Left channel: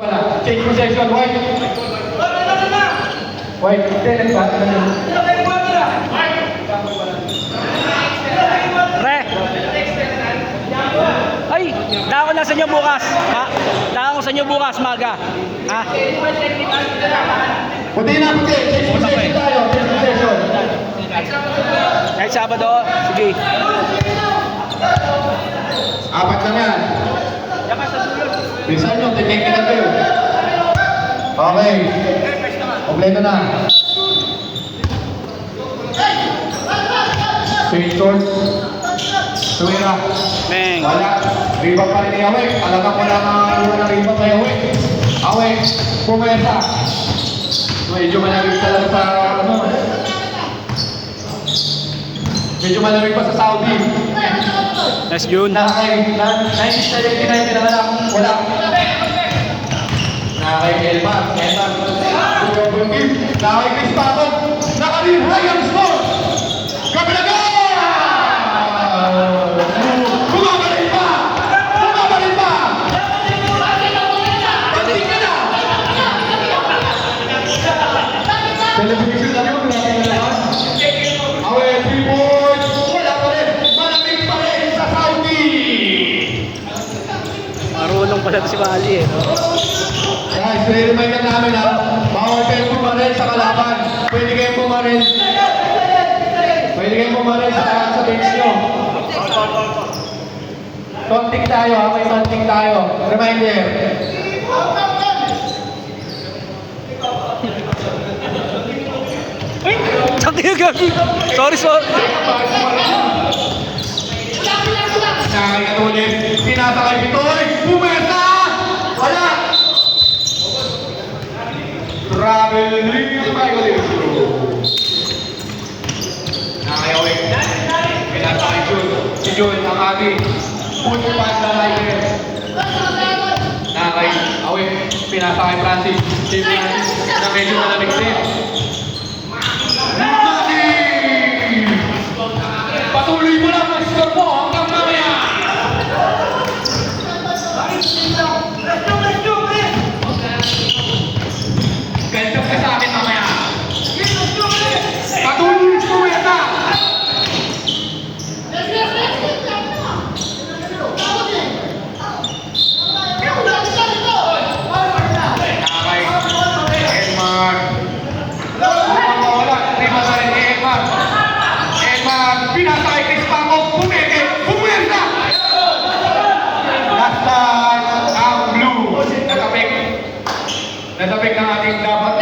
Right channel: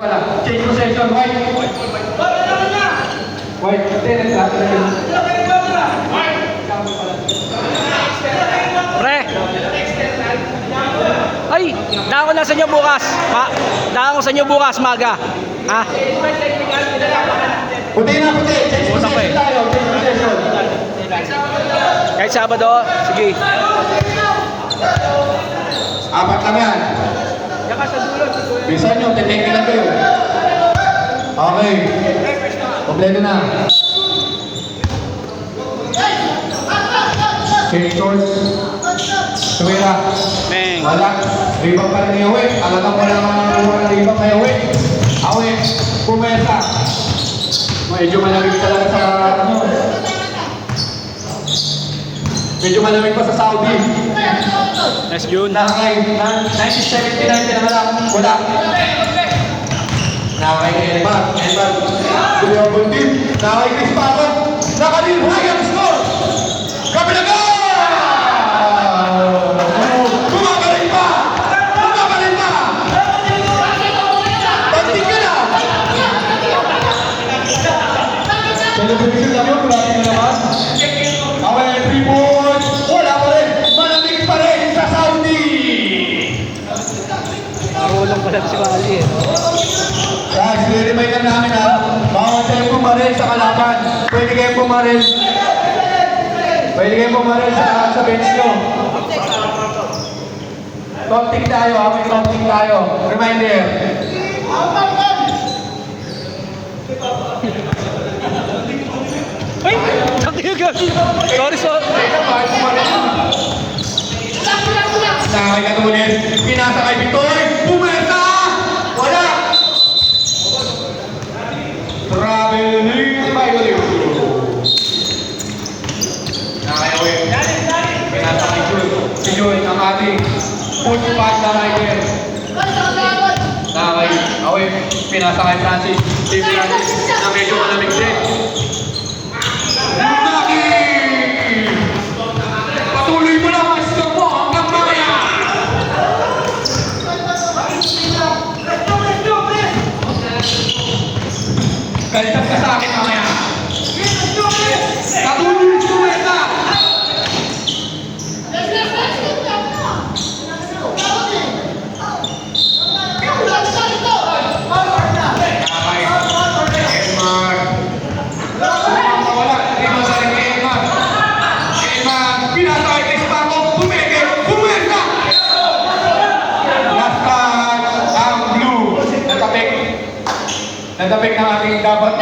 Wala. Change possession. White. White. Tennis ba? Pre! Ay! Daan ko na sa inyo bukas. Daan ko sa inyo bukas, maga. Ha? Puti na, puti. Change Puta ko possession eh. tayo. Change possession. Kahit Sabado, sige. Apat lang yan. Bilisan nyo, titingin na kayo. Okay. Kompleto na. Change course. Tumira. Meng. Wala. Rebound pa rin ni Awek. Alam mo lang ang mura na rebound kay Awek. Awek. Pumesa. Medyo malamig pala sa ano. Medyo malamig pa sa Saudi. Nice yun. Nakakay 1979 na lang. Wala. Nakakay kay Elman. Elman. Double team. Nakakay Chris Paco. Nakarin. Ryan score. Kabilaga! Bumabalik pa! Bumabalik pa! Panting ka na! Celebration lang yun. Grabe mo naman. Away, 3 points. Wala pa rin. Malamig pa rin sa Saudi. Marunong pala si Mali eh. No? Guys, i-remind lang namin ha. Bawal kayo pumaril sa kalaban. Pwede kayo pumaril. Pwede kayo pumaril sa bench nyo. Taunting tayo ha. May taunting tayo. Reminder. Ay! Tangin gabi! Sorry, sorry. Nakakay ka ulit. Pinasa kay Vitoy. Bumesa! Wala! Traveling violation. Nakayawin. Pinasa kay Jun. Si Jun, ang ating foot pass na rider. Nakakay. Awin. Pinasa kay Francis. Si Francis. Na medyo malamig din. Naki! Patuloy mo lang ang score mo hanggang mamaya. Kalsap ka sa akin mamaya. Patuloy mo yan. Okay. Elmar. Rito sa Elmar. Elmar, pinatay kay Spago. Bumeke. Bumeka. Last time, ang blue. Natapik. Natapik ng ating dapat.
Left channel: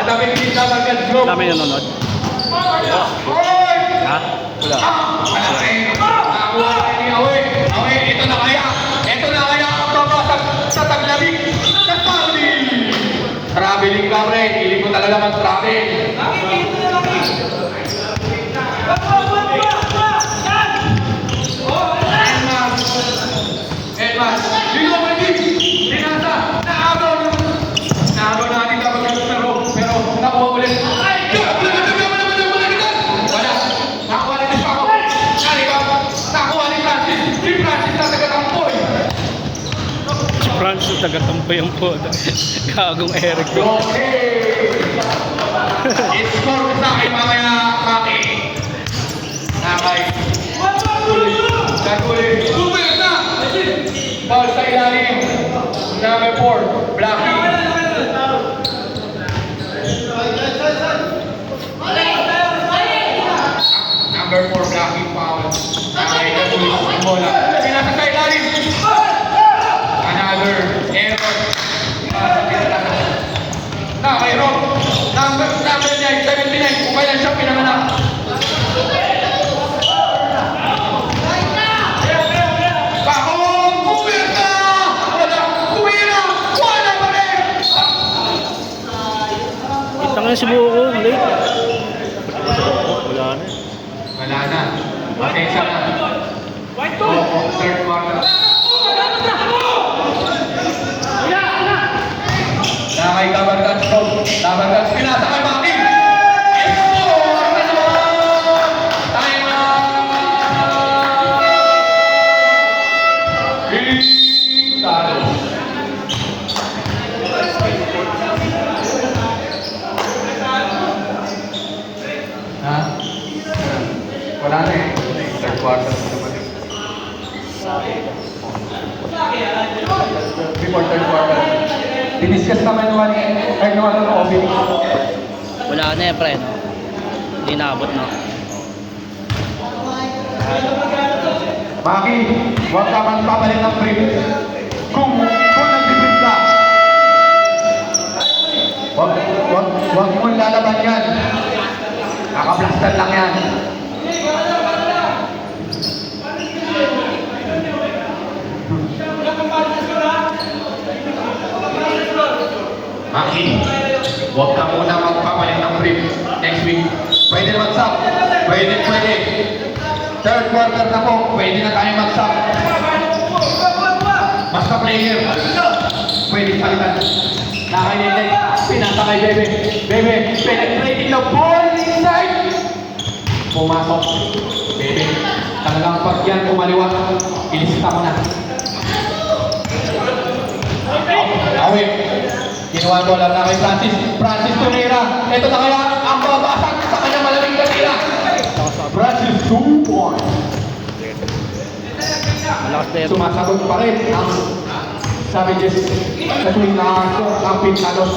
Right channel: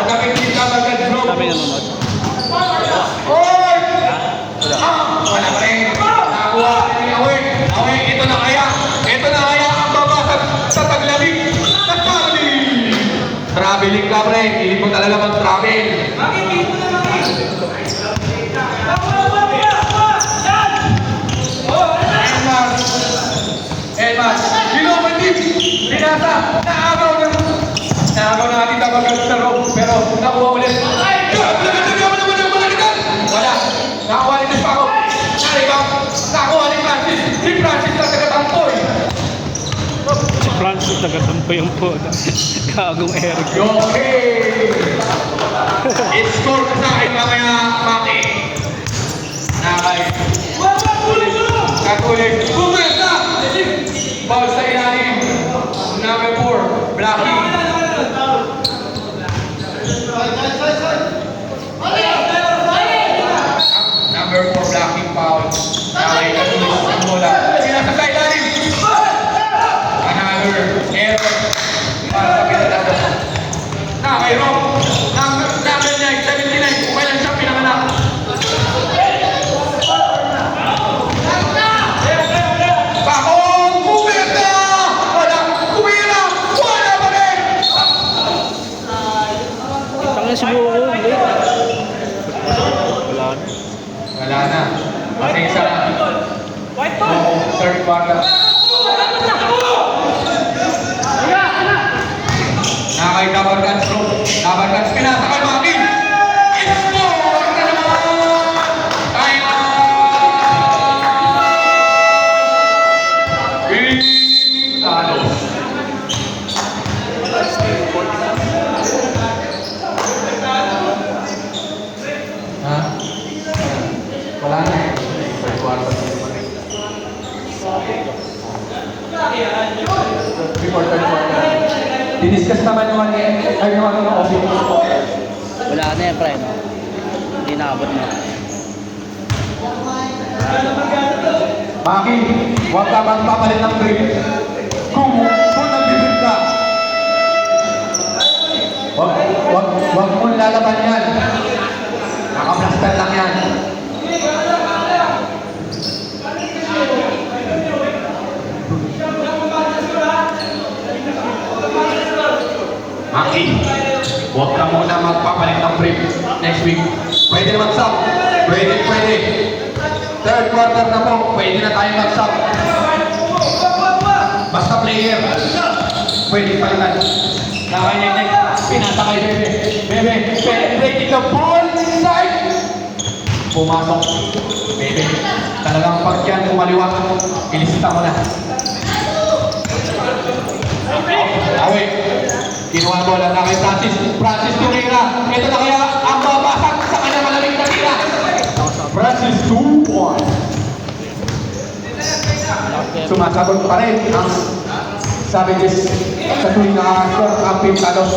Natapik din dapat ka group. Dami nanonood. Wala rin. Nakuha ni Awek. Awek, ito na kaya. Ito na kaya ang babasag sa taglamig. Kakali. Traveling ka rin. Hindi ko talaga mag-travel. Elman. Elman. Liloman din. Pinasa. Naabaw natin tapos nagtaro. Pero nakuha ulit. Wala. Nakuha ni Spago. Nakuha ni Francis. Si Francis na taga-tampoy. Si Francis taga-tampo yung po. Kagong Eric. Okay. I-score ko sa akin mamaya, Maki. Nakay. Kagulit. Bumesa! Ball sa ilalim. Number 4, Blackie. Number 4, Blackie foul. Nakay, kagulit. Bola. Sinasa sa ilalim. Another error. Nakay, Rob. Number 9, 79. Okay lang siya, pinanganak. Pakong! Kumita! Wala! Kumira! Wala pa rin! Tangan subuko ko. Hindi. Wala na. Pasensya na. Third quarter. Nakay Tabargans. Tabargans pinasa kay Maki. Score na naman! Time out! before third quarter. Diniscuss naman yung ay yung ano ng office. Wala na yan, pre, no? Hindi naabot, no? Maki, huwag ka magpapalit ng free. Kung nag-defeat ka, huwag mo lalaban yan. Naka-blaster lang yan. Maki, huwag ka muna magpapalit ng free. Next week, pwede na mag-sub. Pwede. Third quarter na po, pwede na tayo mag-sub. Basta player, pwede palitan. Nakayende, pinasakay Bebe. Bebe, penetrating the ball inside. Pumasok. Bebe, talagang pag yan kumaliwa, ilisita mo na. Awe, kinuha ko lang na kay Francis. Francis Torreira. Ito na kaya ang babasag sa kanyang malamig na tira. Francis 2 points. Sumasagot pa rin ang Savages sa tuwing na-score ang Pintados.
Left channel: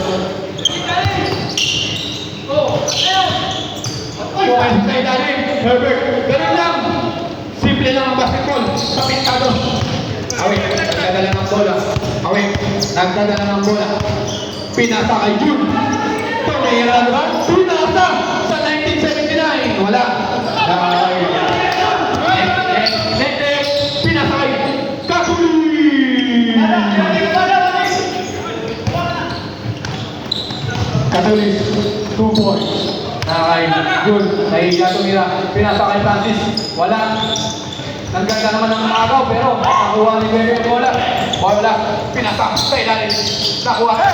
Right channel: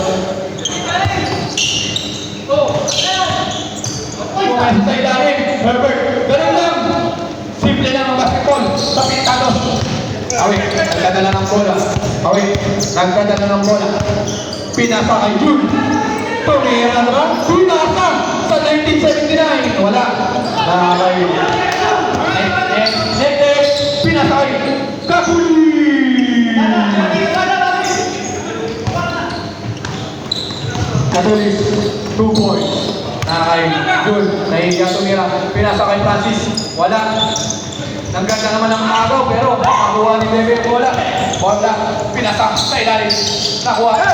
Kumain sa ilalim, Herbert. Ganun lang. Simple lang ang basketball sa Pintados. Awit, nagdadala ng bola. Awit, nagdadala ng bola. Pinasa kay June. Torreira na ba? Pinasa sa 1979. Wala. Nakakawin. Pinasa kay Kakuli. Katulis, 2 points. Nakakawin. June, nahihiya tumira. Pinasa kay Francis. Wala. Nagkanda naman ng mga agaw, pero nakuha ni Bebe ang bola. Bola, pinasak sa ilalim. Nakuha ni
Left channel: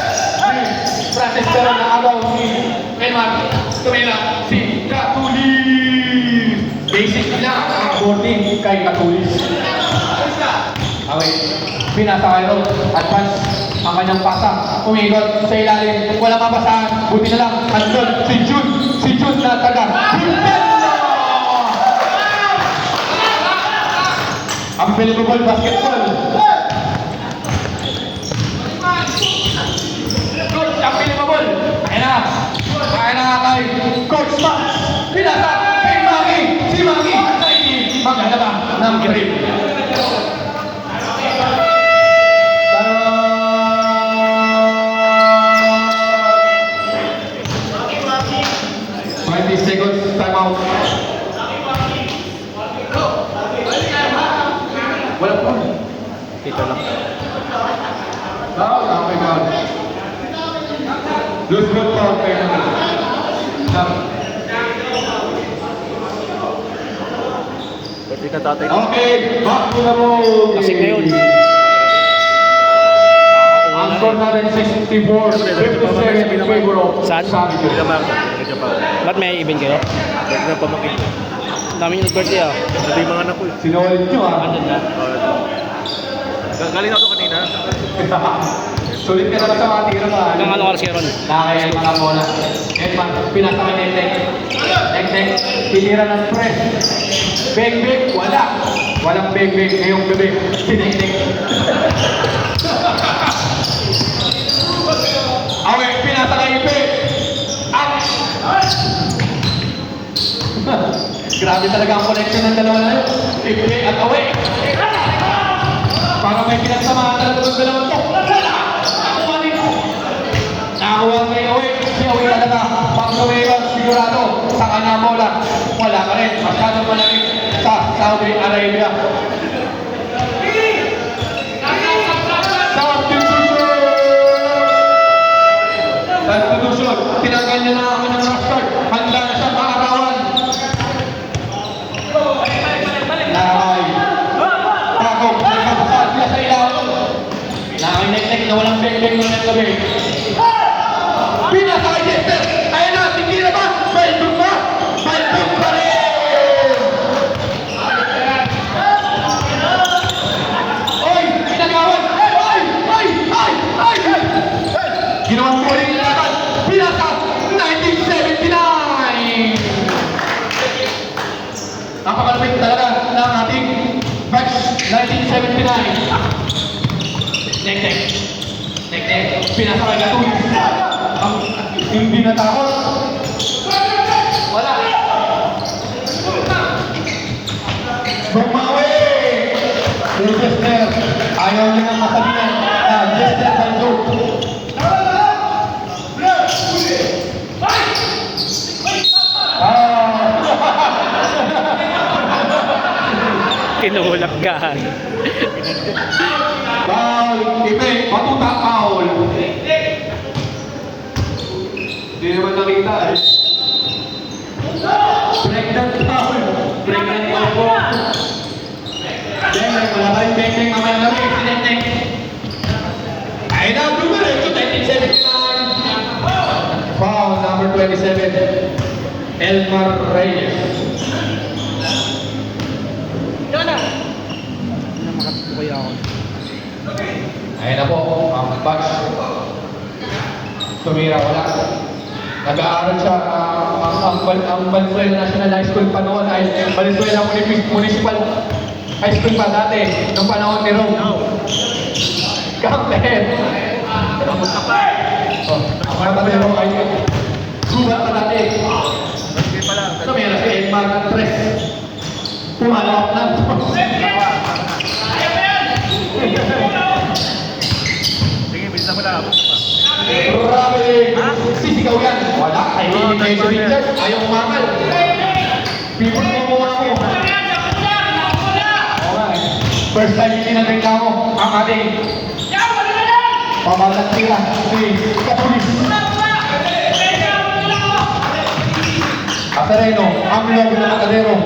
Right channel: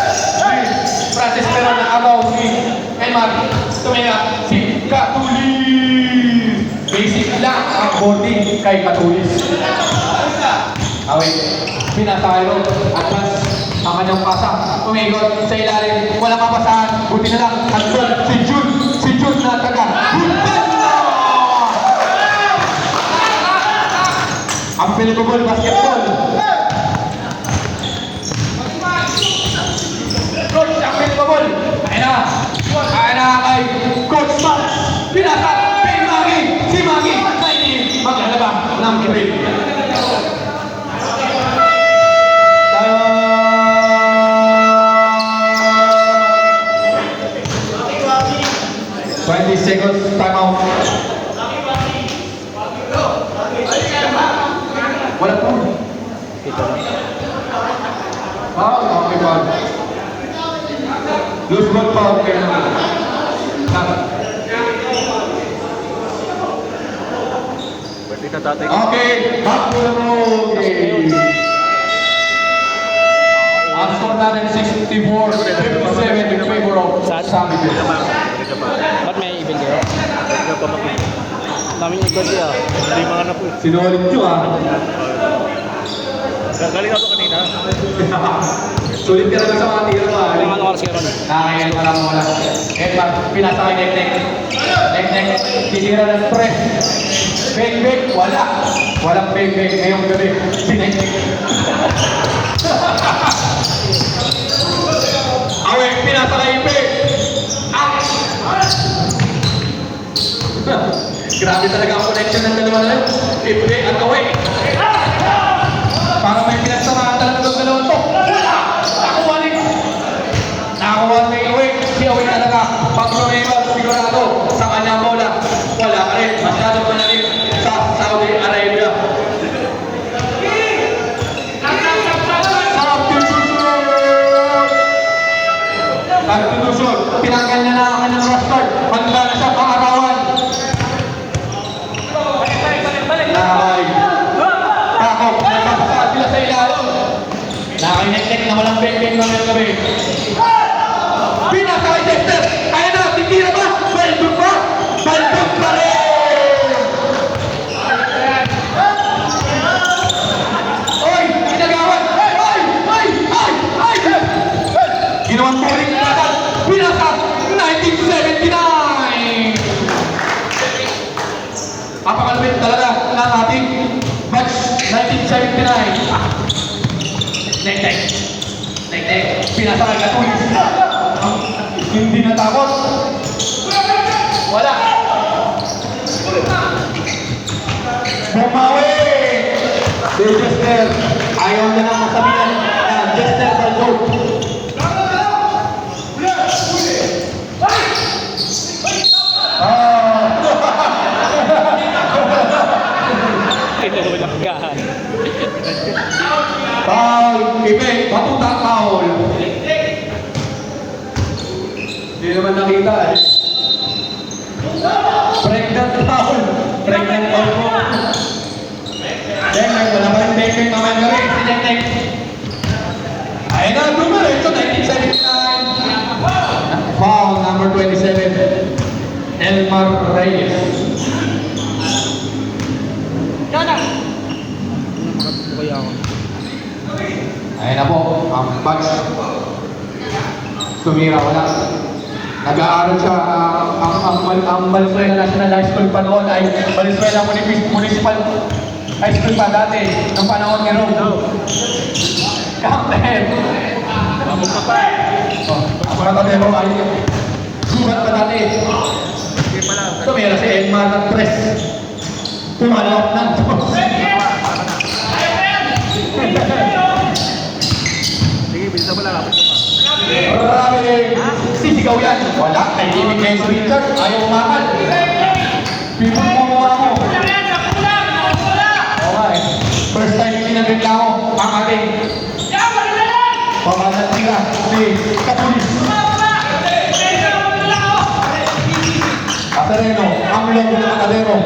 Francis, pero nakagaw ni Elmar. Tumira si Katulis. Basic lang ang bonding kay Katulis. Awit, pinasa kay Rob. Advance ang kanyang pasa. Umigot sa ilalim. Walang mapasahan. Buti na lang. Andun si June. Si June na taga. Unbelievable basketball. Coach, unbelievable. Kaya na kay Coach Max. Pinasa kay Maki. Si Maki, Nike, maglalaba ng grade. 20 seconds time out. Wala po. Kita lang. Okay pa. Loose ball pa kayo naman. Pwede ka tatay. Okay, back to the road. Ang score natin 64-57 in favor of Savages. Ba't may event kayo? Dami yung nag-court ah. Hindi mga anak ko eh. Sinulit nyo ah. Andun na. Galing ako kanina. Sulit ka na lang sa mga tira mo. Ilang ano oras kayo ron? Nakakail pa lang muna. Edman, pinasa kay Nek-Nek. Nek-Nek, tinira ng press. Beng-beng, wala. Walang beng-beng ngayong gabi. Pinek-nek. Awe, pinasa kay Ipe. Grabe talaga ang connection ng dalawa na. Ipe at Awe. Para may pinagsamahan talaga ng dalawang to. Nakakuha ni Awe. Si Awe talaga. Pang sumibag, sigurado sa kanyang bola. Wala pa rin. Masyadong malamig sa Saudi Arabia. Conclusion, tinanggal na namin ang rush guard. Handa na siya pangarawan. Nakakay. Kako, nagpapasabi na sa ilalim. Nakinek-nek na walang beng-beng ng gabi. Pinasa kay Dexter. Ayan na, titira ba? Baldog ba? Baldog pa rin! Oy! Pinagawan! Ay! Ginawang scoring na agad. Pinasa! 1979! Napakalapit talaga ng ating batch 1979. Next. Pinasakay ka tulis. Hindi natakot. Wala. Bumawi! Jester, ayaw niya nang masabihan. Jester Baldo. Tinulak ka. Foul, Ibe, batuta foul. Hindi naman nakita eh. Pregnant foul. Pregnant foul po. Deng, wala ba yung Deng naman kami? Si Deng. Ayun na, dumiretso, 1979. Foul number 27. Elmar Reyes. Ano makatuto kaya ako? Ayun na po, ang punch. Sumira wala. Nag-aaral siya, ang Valenzuela National High School pa noon ay Valenzuela Municipal High School pa dati, ng panahon ni Rome. Captain! Kamusta pa? Ang matadero ay gugat pa dati. Sumira si Emma ng 3. Pumalawak ng 2. Sige, bisa mo lang. Grabe! Sisigaw yan! Wala! Nahihinig ngayon si Richard! Ayaw umangal! Pipon mo muna mo! Okay. First time hindi nagreklamo ang ating pamalantiga si Katulis. Katareno, ang logo ng Matadero.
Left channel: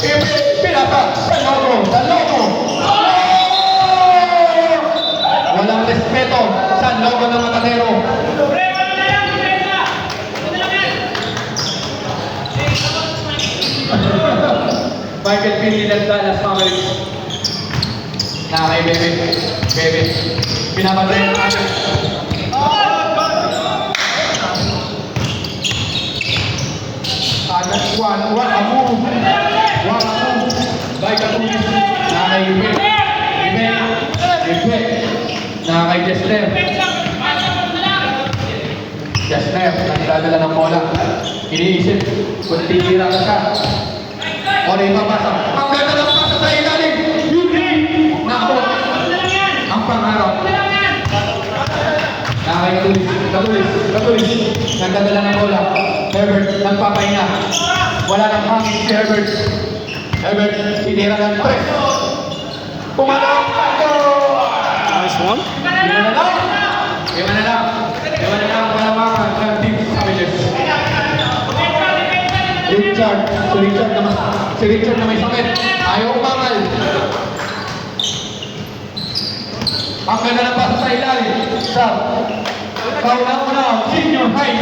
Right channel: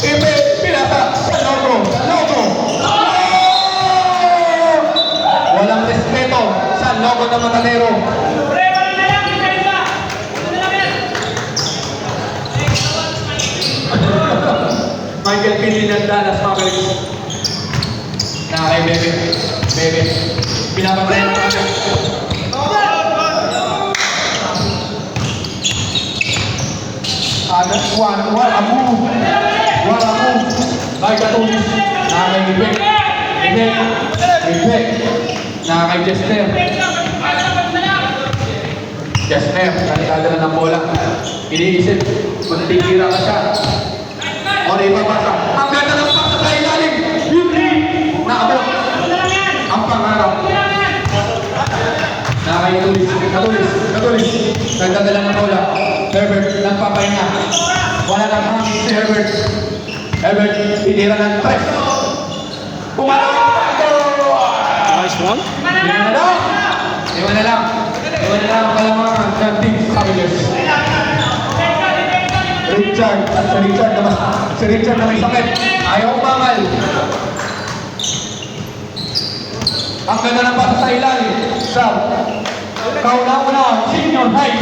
Ibe, pinasa sa logo! Sa logo! Walang respeto sa logo ng Matadero. Michael Pininan Dallas family. Nakakay Bebe. Bebe. Pinapantay ng ating. Wala mo. By Katulis. Nakakay Ibe. Ibe. Nakakay Jester. Jester. Nagdadala ng bola. Iniisip. Kung titira ka siya. O na ipapasa. Ang ganda ng pasa sa ilalim. Hindi. Naabot. Ang pangarap. Nakakay Katulis. Nagdadala ng bola. Herbert. Nagpapahinga. Wala nang hangin si Herbert. Herbert. Tinira ng 3. Pumasok. Nice one. Iwan na lang. Ang kalamangan ng Team Saviles. Si Richard na may sakit. Ayaw umangal. Ang ganda ng pasa sa ilalim. Sa kauna-una, senior high.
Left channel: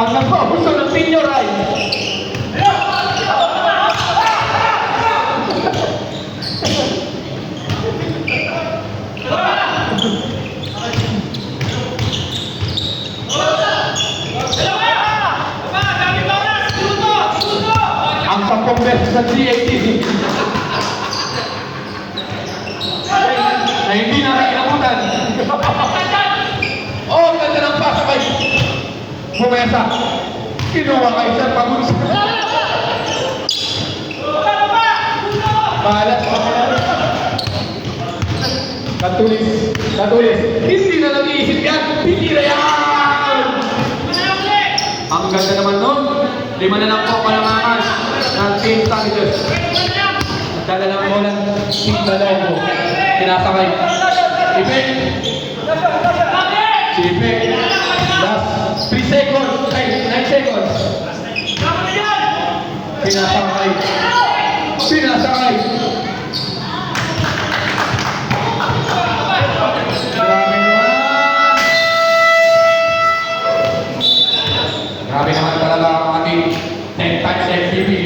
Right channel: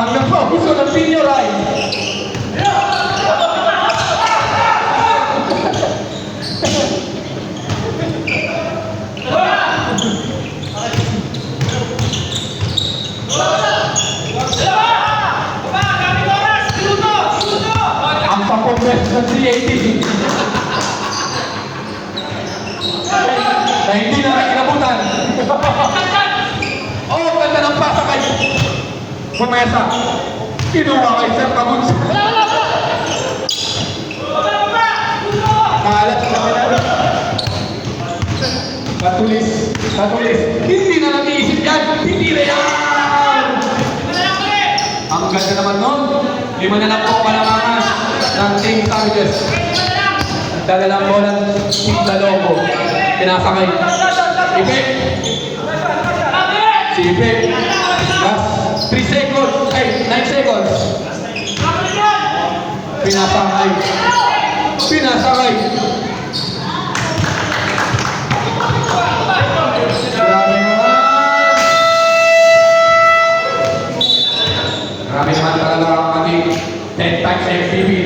Ang nagpapuso ng senior high. Ang pagkongres sa 380. Na hindi na nakinabutan. Oh, ganda ng pasa kay Bumesa. Kinuha kay Sir Pagunsa. Mahalat pa kaya. Katulis. Hindi na nag-iisip yan. Hindi na yan. Ang ganda naman nun. 5 na lang po kalamangan ng Team Saviles. Nagdala ng bola ng Team Lobo. Kinasakay. Ibe. Si Ibe. Last 3 seconds. 9 seconds. Pinasakay. Grabe naman talaga ang ating 10 times MVP.